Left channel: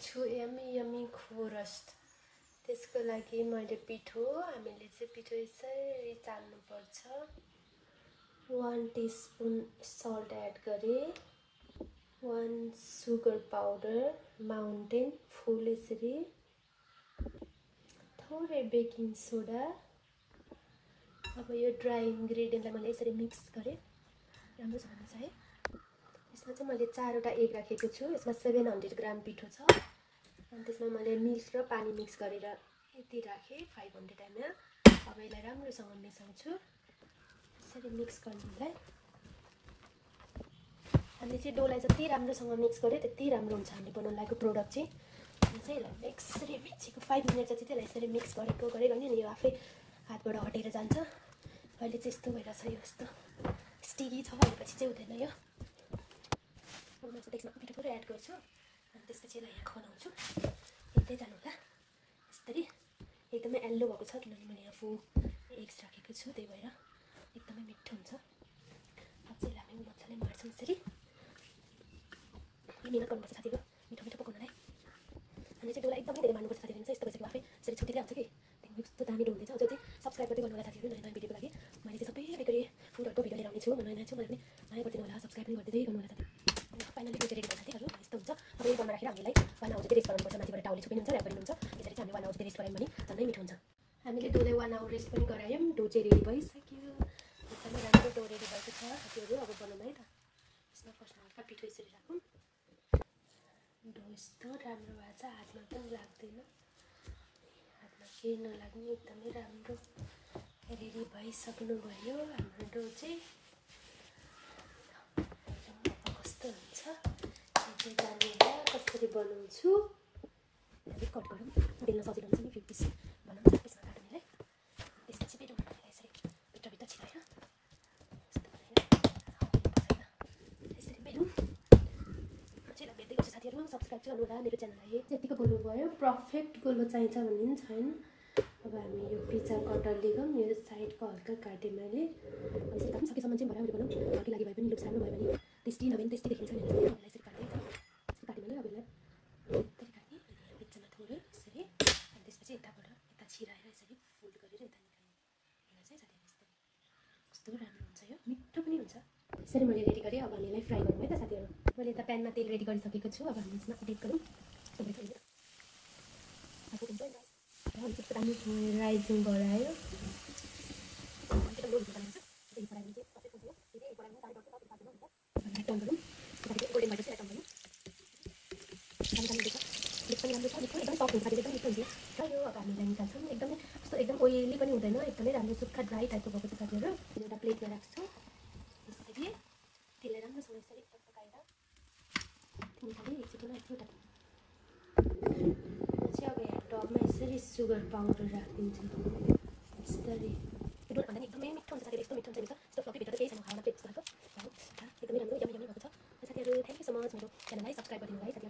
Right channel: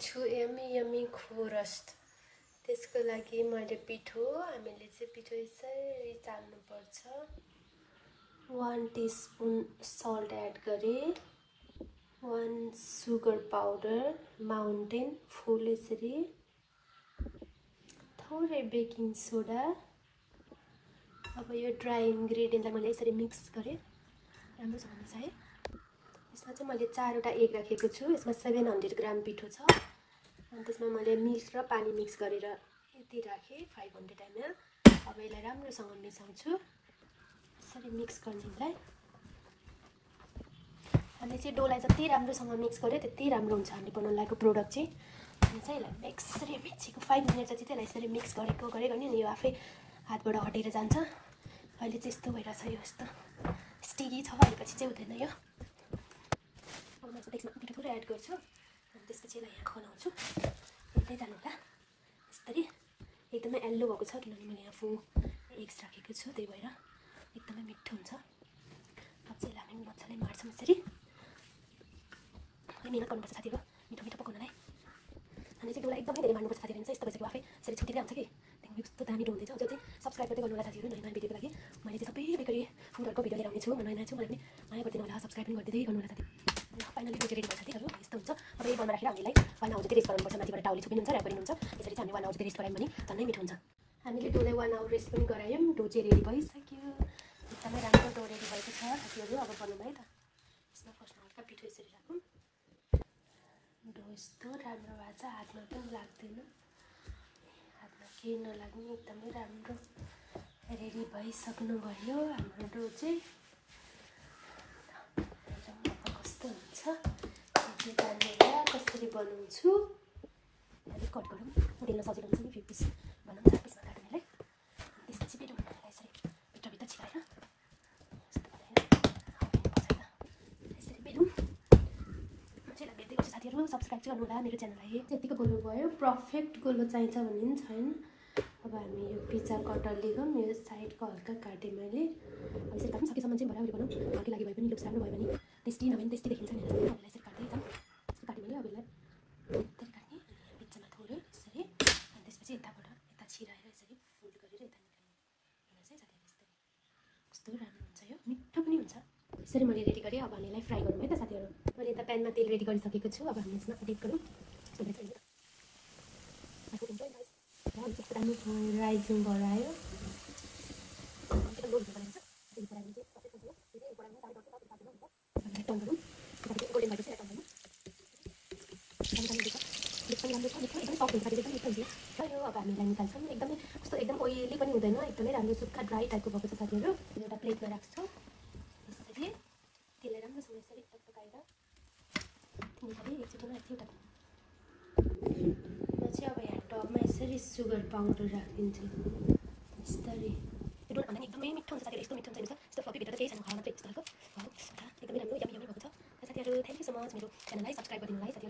बनाउँदैछु यम्मी खोरस्ट। त्यसको लागि मैले हामीले चाहिँ पिठो यसरी चाल्नुपर्छ। 1 टीस्पून सल्ट एड गरेँ, 1 सुगर पाउडर माउन्टेन फुल यसरी, थोरै बेकिङ सोडा। अब यो ड्राई इन्ग्रेडियन्टलाई मैले यसरी मिक्स गरेँ राम्रोसँग चाहिँ। यसमा चाहिँ मैले 4वटा एग राखेको छु। यसमा 700 ग्राम पिठो छ अनि त्यसमा मैले मिल्क र पानी मिक्स गरेर यति राखेँ 500 ml। अब यसलाई राम्रोसँग मिसाउँछु। यसरी मिक्स गर्नेलाई हामी चाहिँ डोलाई जति राम्रोसँग मिक्स गर्यो त्यति राम्रो हुन्छ हामी बनाउन लागेको प्रोडक्ट चाहिँ। अनि चाहिँ यसलाई यसरी मिक्सेको 5 मिनट जति चाहिँ यसलाई यसरी मिक्स गरेको नि यो आफै हातबाट हटेर जान्छ। अहिले चाहिँ यस्तो भइरहेछ, यो यस्तो स्टिकी छ, अलिपछि चाहिँ हुँदैन यो। अब म चाहिँ त्यसमा पिठो थोरै एड गर्छु अनि त्यसपछि यसलाई यहाँ बनाउँछु। हेर्दै जानु होला। यसरी एकदमै येल्लो भएको छ किनभने मैले यहाँ 4 एग्स राखेको छु, त्यही भएर एकदमै मिठो हुन्छ। अब चाहिँ हामी मजाले मार्छौँ यसरी। मिहिनेत गर्नुपर्छ साथीहरू मिठो मिठो पकाउनलाई। अनि चाहिँ डोलाई एकदमै धेरै मार्नुपर्छ साथीहरू। यस्तो भइसक्यो आफै यसरी छुट्टिँदै आउँछ कि त्यहाँदेखि यस्तो दामी डो हुँदैछ। अझ चाहिँ सब्सक्राइब गर्दै गर्नु होला साथीहरू नयाँ नयाँ भिडियोको लागि। मैले चाहिँ सबै बेकरी फुडहरूको भिडियो लिएर आउने छु। म नयाँ छु, मलाई पनि माया गरिदिनु होला, सब्सक्राइब पनि गरिदिँदै गर्नु होला साथीहरू। फाइनली डो चाहिँ रेडी भयो साथीहरू। यस्तो हुन्छ। अब यो बोलमा राखेर हामीलाई 1 आवर जति रेस्ट गराउनुपर्छ। माथिबाट टाउले छोपिनुहुन्छ, ऱ्याप गरिनुहुन्छ। यसरी चाहिँ हामी 1 आवर जति रेस्ट गरायौँ भने झनै मिठो हुन्छ। हामीले डोलाई 1 आवर रेस्ट पनि गरायौँ। डो चाहिँ रेडी भइसक्यो। एकदमै राम्रो डो रेडी भएको छ साथीहरू। अब बनाउनु है त। यसमा फर्स्टमा हल्का पिठो यसरी राखौँ। डो यस्तो राम्रो भएको छ, हातमा पनि लाग्दैन, हातमा केही नलाग्ने एकदमै राम्रो रेडी भइसक्नु भयो हाम्रो डो चाहिँ। कस्तो हुन्छ कसरी बनाउँछु अलिक कट गरौँ, बेल्न सजिलो हुन्छ नि। 5 पिस बनाउँ, 4 पिसमा काट्नेलाई। त्यसपछि फेरि यसरी भित्रभित्र छिराएर यस्तो गरेर यसरी बेलौँ। चाहिँ भेट्दै गर्छु साथीहरू। सब्सक्राइब चाहिँ गर्नु होला मेरो च्यानललाई। यतिको गोलो भयो, पर्फेक्ट गोलो चाहिन्छ भन्ने पनि छैन। अब हामी यो पिज्जा कटरले लिगौँ, यो साइडको हल्का काटेँ मैले। यसरी काट्नु सकेसम्म चाहिँ भरे बनाउँ। अघि लागि भए पनि लुक्स राम्रो भयो भने टेस्टी नभए पनि टेस्टी देखिन्छ नि। यसरी काटेँ एकदम काटेँ मैले। अब यसलाई यति काट्ने अनि यहाँ बिचमा थोरै यसरी अनि त्यसपछि यताबाट यता छिराएर यसरी फोल्ड गरेर यता निकाल्ने। होइन चाहिँ साथीहरू यस्तो कस्तो राम्रो हुन्छ, यो मिठो पनि हुन्छ। यसरी मैले रेडी गरेँ। अब हामी यसलाई फ्राई गरौँ है त साथीहरू। मैले त प्यानमा तेल रेडी गरिसकेको छु। अब हामी यसमा एडिट गरौँ। राइजिङ गरायो अब हामीलाई निकाल्छौँ। एकदमै कस्तो एकदम ओइली पनि हुँदैन, एकदमै राम्रो सुक्खा ड्राई टाइपको भएको छ साथीहरू। एउटा प्लेटमा राख्छौँ यसरी। त्यसलाई राम्रोसँग यसरी पकाएर एकचोटिमा यतिवटा पछि अब यहाँ टपमा यसरी सुगर पाउडर राखिदिन्छु यसरी। एकदमै मिठो हुन्छ साथीहरू। यस्तो मिठो हुन्छ यस्तो फ्लफीभित्र त केही छैन, खाना मात्रै यस्तो खालको एकदमै राम्रो यम्मी भएको छ साथीहरू। Thank you so much. मेरो च्यानललाई सब्सक्राइब गरिदिनु होला है साथीहरू।